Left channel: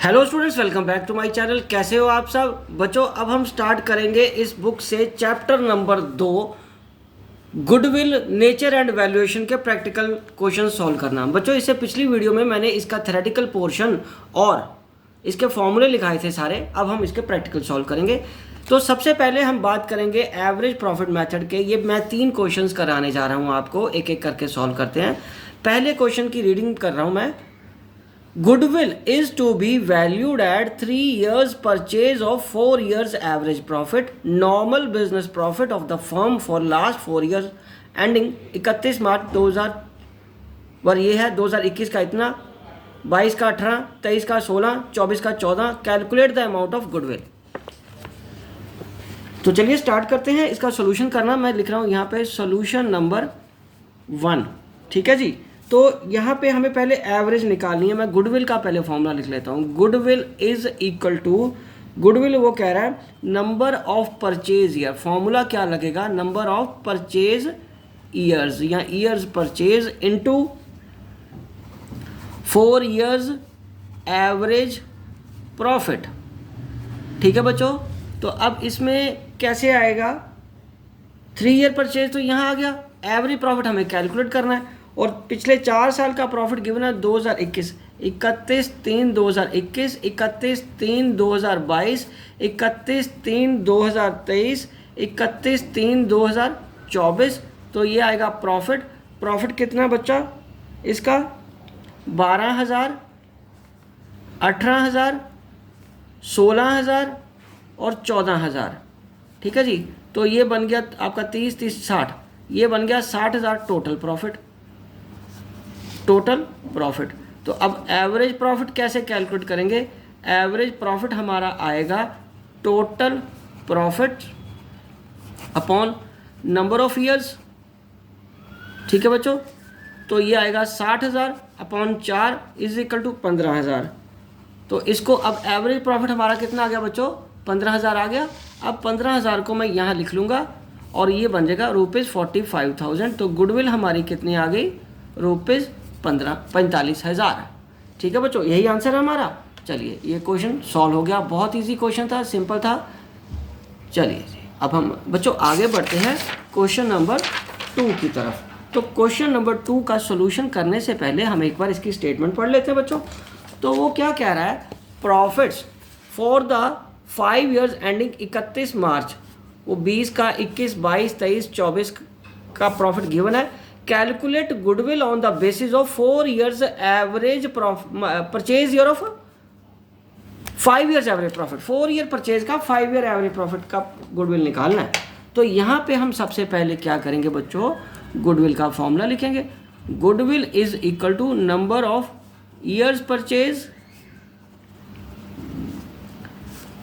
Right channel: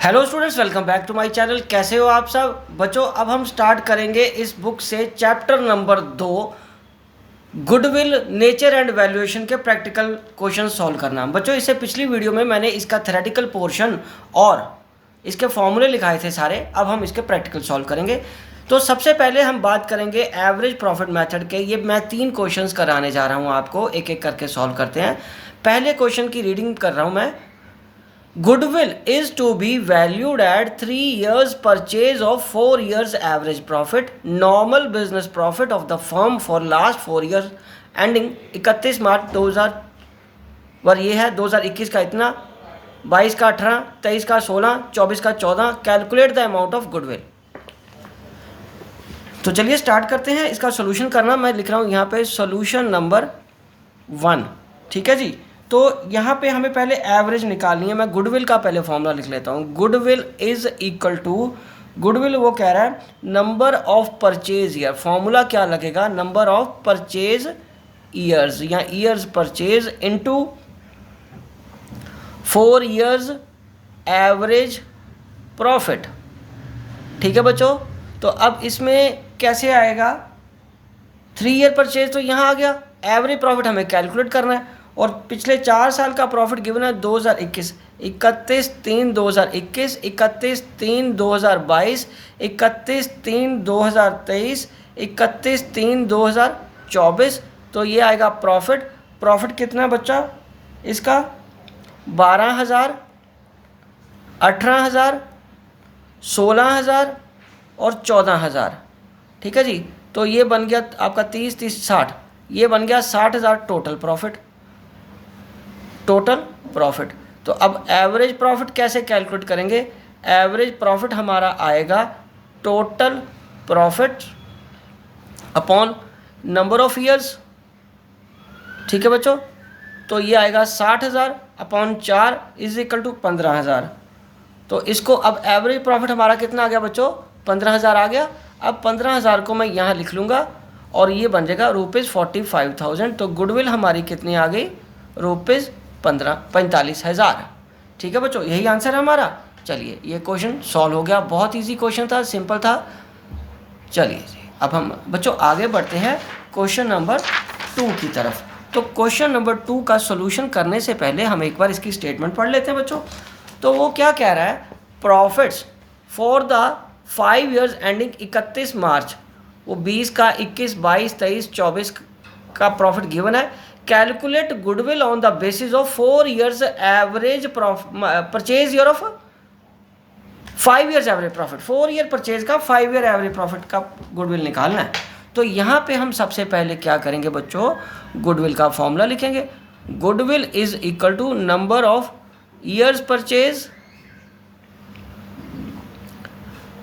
Hello students, welcome back to my channel. कैसे हो आप सब बच्चों। अब हम स्टार्ट करेंगे इस बुक से chapter number 2, goodwill, nature and valuation के प्रैक्टिकल क्वेश्चन सॉल्व करना। बच्चों, इससे पिछली वीडियो में मैंने इसका थ्योरेटिकल पोर्शन और इसके फॉर्मूले लिखाए थे सारे। अब हम इसके प्रैक्टिकल सॉल्व करेंगे। तो सबसे पहले हम बात करेंगे एवरेज प्रॉफिट मेथड के। ये मैं 3 क्वेश्चंस कराने जा रहा हूँ आपको, एक एक करके सॉल्व करते हैं। पहले क्वेश्चन की रीडिंग कर रहा हूँ मैं। Goodwill is to be valued at 3 years purchase of 4 years average profit, normal business profit of the firm for last 4 years ending 31 मार्च 2000 पर ये है 2021 का इतना, 22 का 18, 23 का 16, 24 का 14। Calculate the amount of goodwill. तो चलिए स्टार्ट करते हैं इसका सोल्यूशन करना। मैं लिख रहा हूँ यहाँ पे सोल्यूशन नंबर 1। ठीक है जी। तो यहाँ पे हमें पहले एवरेज निकालनी है। मैं गुडविल का पहले फॉर्मूला लिख लेता हूँ। Goodwill is equal to, goodwill वो कह रहा है number of purchase year. Formula क्या लगेगा? नंबर ऑफ परचेज ईयर्स या years purchase into 4 years average profit. ठीक है बच्चों। तो अब इसमें कैसे आएगा? 3 ईयर परचेज तो यहाँ आ गया। एवरेज प्रॉफिट हमें कैलकुलेट करना है और पिछले 4 साल का प्रॉफिट गिवन है 2021, 31/3/2021, 31/3/2022, 31/3/2023, 31/3/2024। तो ये आएगा प्रॉफिट। प्रॉफिट कितना बच्चा इसका? 12,000, 18,000, 16,000 और 14,000। ठीक है जी। तो ये बन गया आपका 30, 30, 60। ये बन गया 60,000 टोटल प्रॉफिट। Total profit. तो अब एवरेज प्रॉफिट कैसे कैलकुलेट करेंगे? एवरेज प्रॉफिट हमारा आएगा total profit upon number of years. ठीक है बच्चों। तो ये आएगा 60,000 अपॉन 4 इज इक्वल टू 15,000। तो इसको अब एवरेज प्रॉफिट हमारा कितना आ गया बच्चों? 15,000 आ गया। अब 15,000 को मैं यहाँ लिख लूँगा और ये बन जाएगा ₹45,000। तो गुडविल हमारी कितनी आ गई? ₹45,000। ठीक है बच्चों, यही आंसर है हमारा। चलिए ये क्वेश्चन सॉल्व हो गया। बहुत इजी क्वेश्चन था, सिंपल था। चलिए अब हम बच्चों आगे बढ़ते हैं क्वेश्चन नंबर 2 की तरफ। तो क्वेश्चन नंबर 2 का सोल्यूशन करने से पहले हम एक बार इसकी स्टेटमेंट पढ़ लेते हैं बच्चों। तो वो क्या कह रहा है? Profits for the 5 years ending 31 मार्च, वो 20 का 21, 22, 23, 24 का प्रॉफिट गिवन है। Calculate goodwill on the basis of 4 years average purchase year of 5 years average profit. 4 year purchase का 5 ईयर एवरेज प्रॉफिट का गुडविल निकालना है। तो यहाँ पे हम सबसे पहले क्या करेंगे बच्चों? गुडविल का फॉर्मूला लिखेंगे। Goodwill is equal to number of years purchase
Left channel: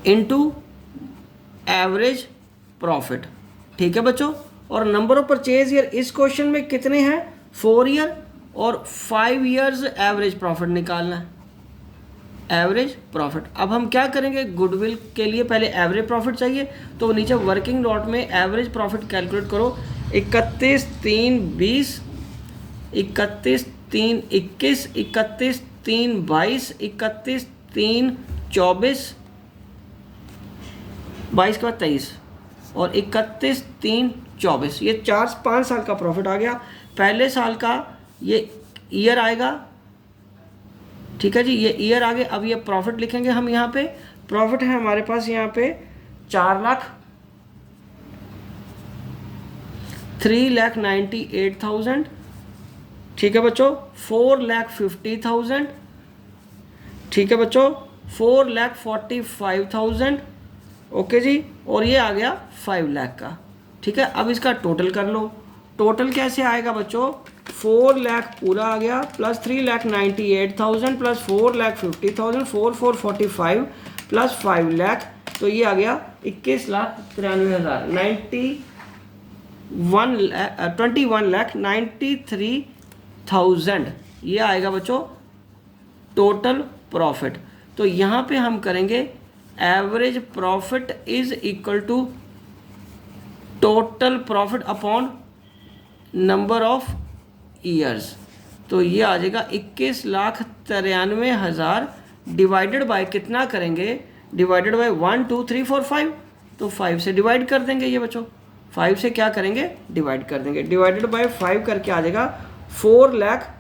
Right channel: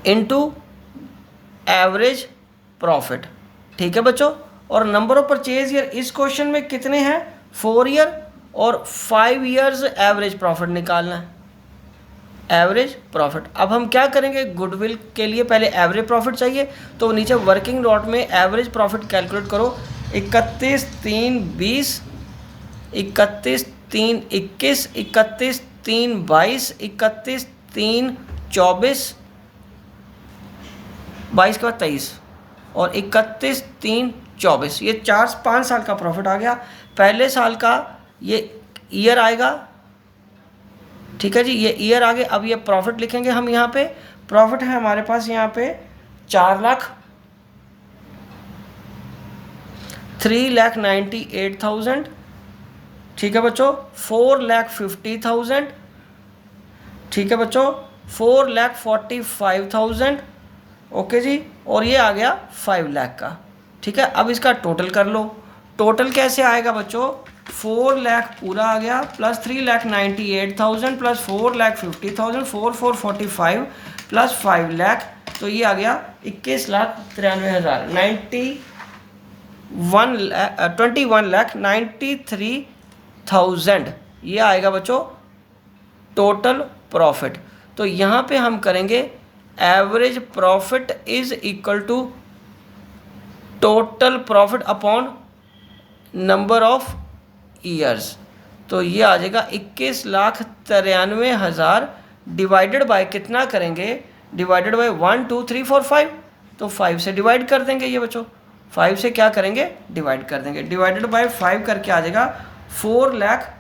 into average profit. ठीक है बच्चों। और नंबर ऑफ परचेज ईयर इस क्वेश्चन में कितने हैं? 4 ईयर और 5 ईयर्स एवरेज प्रॉफिट निकालना है। Average profit. अब हम क्या करेंगे? गुडविल के लिए पहले एवरेज प्रॉफिट चाहिए। तो नीचे वर्किंग नोट में एवरेज प्रॉफिट कैलकुलेट करो। 31/3/20, 31/3/21, 31/3/22, 31/3/24, 22 का 23 और 31/3/24। ये 4-5 साल का प्रॉफिट आ गया। पहले साल का ये ईयर आएगा। ठीक है जी, ये ईयर आ गए। अब ये प्रॉफिट लिखेंगे हम। यहाँ पे प्रॉफिट है हमारे पास यहाँ पे 3,98,000। ठीक है बच्चों। 4,50,000। ठीक है बच्चों। 4,45,000। ओके जी। और ये आ गया 5 लाख का। ठीक है। अब इसका टोटल कर लो। टोटल कैसे आएगा बच्चों? 4 लाख पूरा आ गया प्लस 3,98,000 प्लस 4,50,000, 4,445 प्लस 5 लाख। तो ये आ गया 21,93,000, 21,93,000। ये आएगा बच्चों टोटल प्रॉफिट। तो यहाँ पे हम करेंगे average profit is equal to total profit upon number of years. तो ये आ जाएगा 21,93,000 डिवाइडेड बाय कितना करेंगे, डिवाइडेड बाय 1 2 3 4 5, तो 5 से डिवाइड कर देंगे ये बच्चों, 5 से क्या करेंगे, डिवाइड कर देंगे, डिवाइडेड बाय 5 करके आ जाएगा 4 लाख,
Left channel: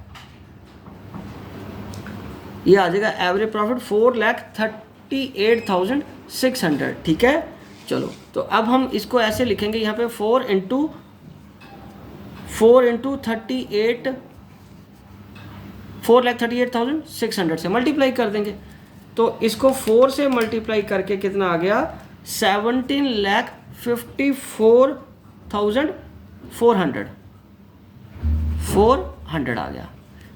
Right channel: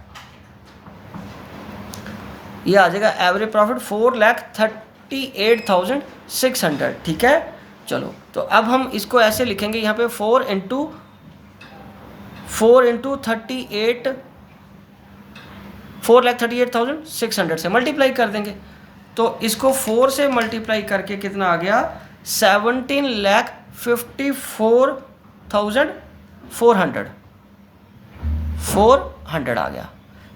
ये आ जाएगा एवरेज प्रॉफिट 4,38,600। ठीक है, चलो तो अब हम इसको ऐसे लिखेंगे यहाँ पे 4 इंटू 38, 4,38,600 से मल्टीप्लाई कर देंगे। तो इसको 4 से मल्टीप्लाई करके कितना आ गया, 17,54,400 आ गया,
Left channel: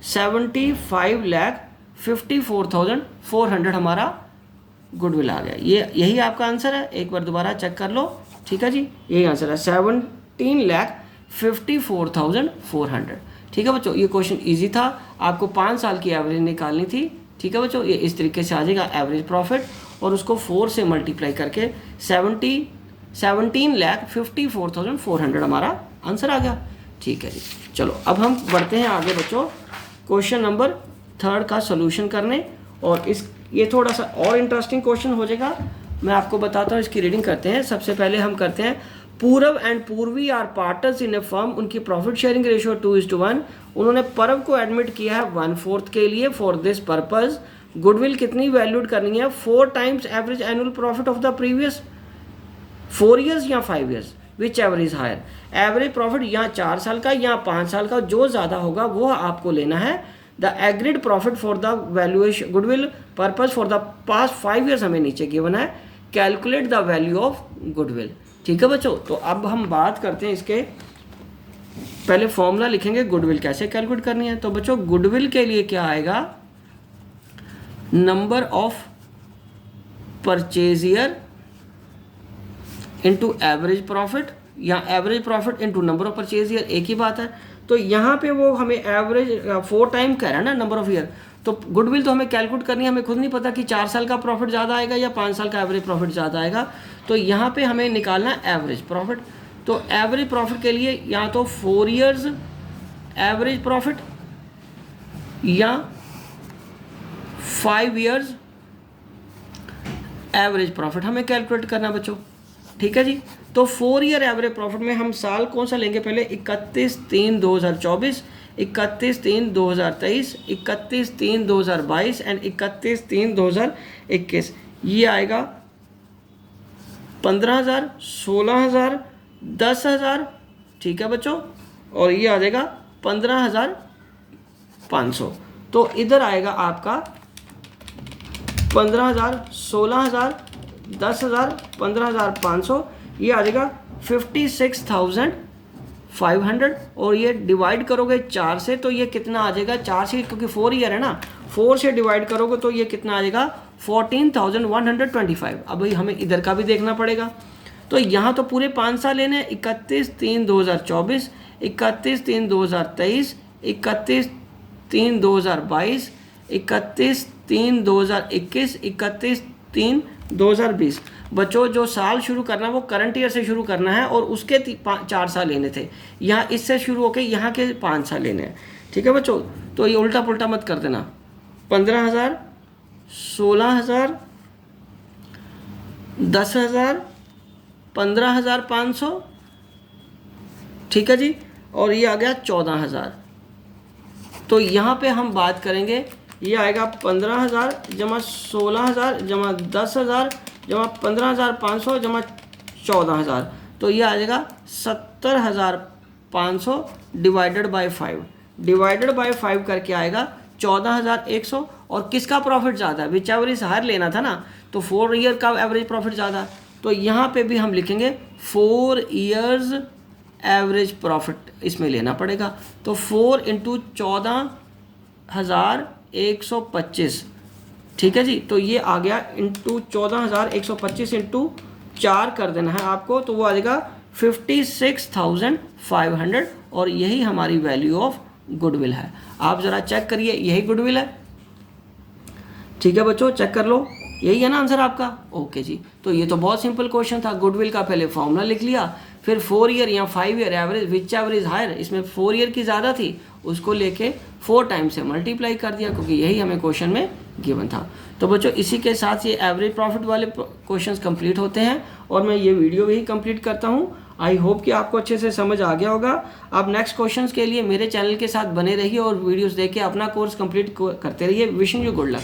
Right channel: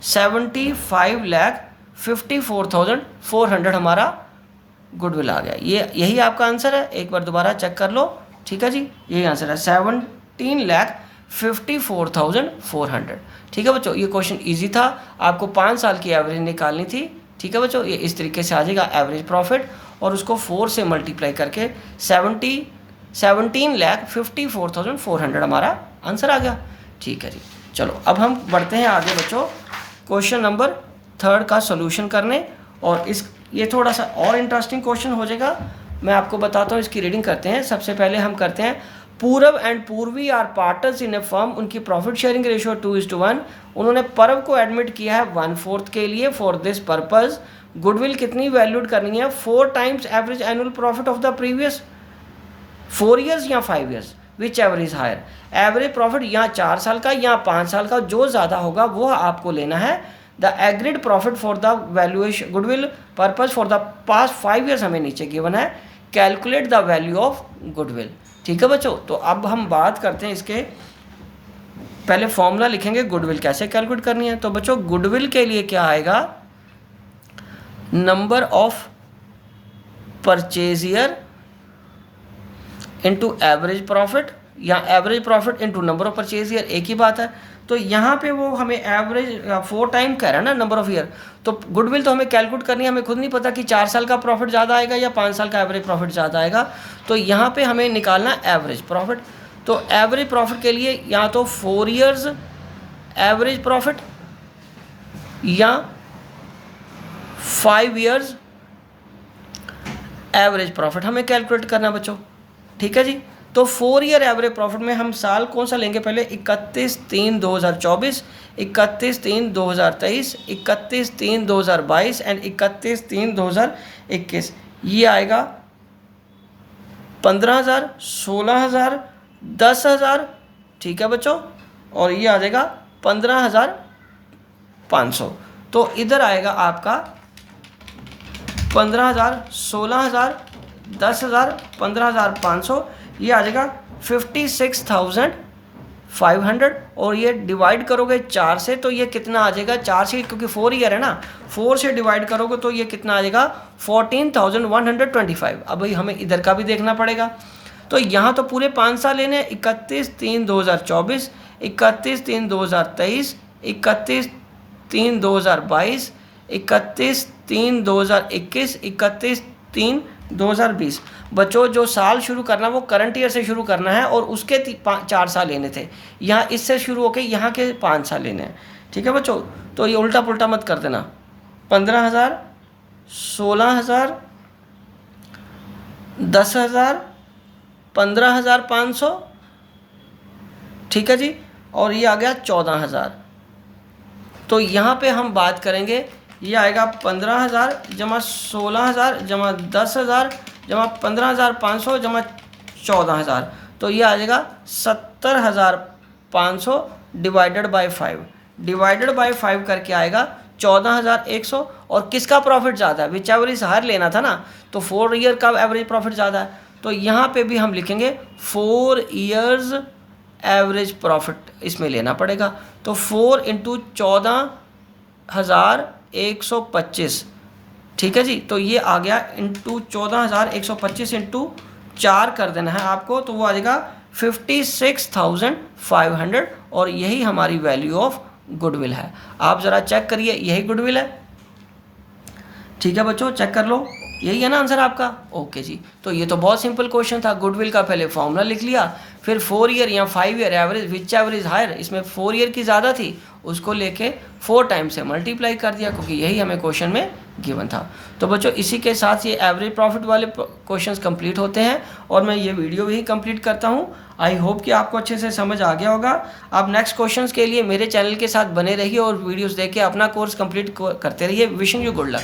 75,54,400 हमारा गुडविल आ गया। ये यही आपका आंसर है, एक बार दोबारा चेक कर लो। ठीक है जी, यही आंसर है 17,54,400। ठीक है बच्चों, ये क्वेश्चन इजी था, आपको 5 साल की एवरेज निकालनी थी। ठीक है बच्चों, ये इस तरीके से आ जाएगा एवरेज प्रॉफिट, और उसको 4 से मल्टीप्लाई करके 17,54,400 हमारा आंसर आ गया। ठीक है जी, चलो अब हम बढ़ते हैं आगे बच्चों क्वेश्चन नंबर 3 का सोल्यूशन करने। और ये थोड़ा सा और इंटरेस्टिंग क्वेश्चन हो जाएगा, मैं आपको बताता हूँ। इसकी रीडिंग करते हैं। सबसे पहले हम करते हैं, Purab and Purvi are partners in a firm, उनकी प्रॉफिट शेयरिंग रेशियो 2:1। उन्होंने परब को एडमिट किया है 1/4 के लिए। फॉर दिस पर्पज गुडविल कितनी वैल्यूड करनी है, 4 times average annual profit of the previous 4 years या 5 ईयर्स, विच एवरेज हायर। एवरेज प्रॉफिट यहाँ 4 साल का या 5 साल का, जो ज़्यादा होगा वो आपको लेना है। The agreed profit for the valuation goodwill purpose for the past 5 years हमें नीचे गिवन है। Calculate the value of goodwill. ठीक है बच्चों, तो अब हम बात करते हैं इसके, पहले फॉर्मूला लिखेंगे गुडविल कैसे कैलकुलेट करनी है। तो बच्चों गुडविल के लिए क्या आएगा, number of purchaser into average profit, या average profit into number of purchaser, एक ही बात है। तो यहाँ पे वो हमें एवरेज 4 टाइम कह रहा है ना नंबर ऑफ ईयर, तो गुडविल तो हमें कैलकुलेट करनी है। हमें खुद नहीं पता कि 4 साल का प्रॉफिट ज़्यादा आएगा या 5 साल का एवरेज प्रॉफिट ज़्यादा आएगा। तो यहाँ पे हमें निकालना एवरेज प्रॉफिट। तो एवरेज प्रॉफिट के लिए या तो 4 ईयर्स एवरेज प्रॉफिट या 5 ईयर्स एवरेज प्रॉफिट हमें कैलकुलेट करना बच्चों। ठीक है जी, तो 4 ईयर एवरेज प्रॉफिट में हम साल कौन सा लेंगे, पहले 31/3/2024, 31/3/2023, 31/3/2022 एंड 31/3/2021। ये आएगा 15,000, 16,000, 10,000। ठीक है बच्चों, और ये आ जाएगा 15,500। तो इधर आएगा आपका 15,000, 16,000, 10,000, 15,500, ये आ जाएगा 56,500। और ये डिवाइड करोगे 4 से, तो ये कितना आ जाएगा, 4 से, क्योंकि 4 ईयर है ना, 4 से डिवाइड करोगे तो ये कितना आ जाएगा 14,125। अब भाई हमें इधर का भी देखना पड़ेगा। तो यहाँ तो पूरे 5 साल लेने हैं, 31/3/2024, 31/3/2023, 31/3/2022, 31/3/2021, 31/3/2020। बच्चों जो साल शुरू करना है वो करंट ईयर से शुरू करना है, और उसके 4 साल लेने थे। यहाँ इससे शुरू होकर यहाँ के 5 साल लेने हैं। ठीक है बच्चों, तो ये उल्टा पुल्टा मत कर देना। 15,000, 16,000, 10,000, 15,500। ठीक है जी, और ये आ गया 14,000। तो यहाँ पे हम बात करेंगे, ये आएगा 15,000 जमा 16,000 जमा 10,000 जमा 15,500 जमा 14,000। तो ये आ जाएगा 70,500 डिवाइडेड बाय 5, डिवाइडेड बाय 5 करके आएगा 14,100। और किसका प्रॉफिट ज़्यादा है, विच एवरेज हायर लेना था ना, तो 4 ईयर का एवरेज प्रॉफिट ज़्यादा है। तो यहाँ पे भी हम लिखेंगे 4 ईयर्स एवरेज प्रॉफिट इसमें लेना पड़ेगा। तो 4 इंटू 14,125। ठीक है जी, तो ये आ गया इंटू 14,125 इंटू 4 कर देना है आपको, तो वो आ जाएगा 56,500। और यही हमारी वैल्यू ऑफ गुडविल है। आप ज़रा चेक करिए, यही गुडविल है। ठीक है बच्चों, चेक कर लो, यही है ना आंसर आपका। ओके जी, तो ये तो बहुत सिंपल क्वेश्चन था। गुडविल का पहले फॉर्मूला लिख लिया, फिर 4 ईयर या 5 ईयर एवरेज, विच एवरेज हायर, इसमें 4 ईयर की ज़्यादा थी, उसको लेके 4 टाइम से मल्टीप्लाई कर दिया, क्योंकि यही हमें क्वेश्चन में गिवन था। तो बच्चों इसी के साथ ये एवरेज प्रॉफिट वाले क्वेश्चंस कंप्लीट होते हैं और मैं ये वीडियो भी कंप्लीट करता हूँ। आई होप कि आपको अच्छे से समझ आ गया होगा। आप नेक्स्ट क्वेश्चंस के लिए मेरे चैनल के साथ बने रहिए और वीडियोस देख के अपना कोर्स कंप्लीट करते रहिए। Wishing you good luck.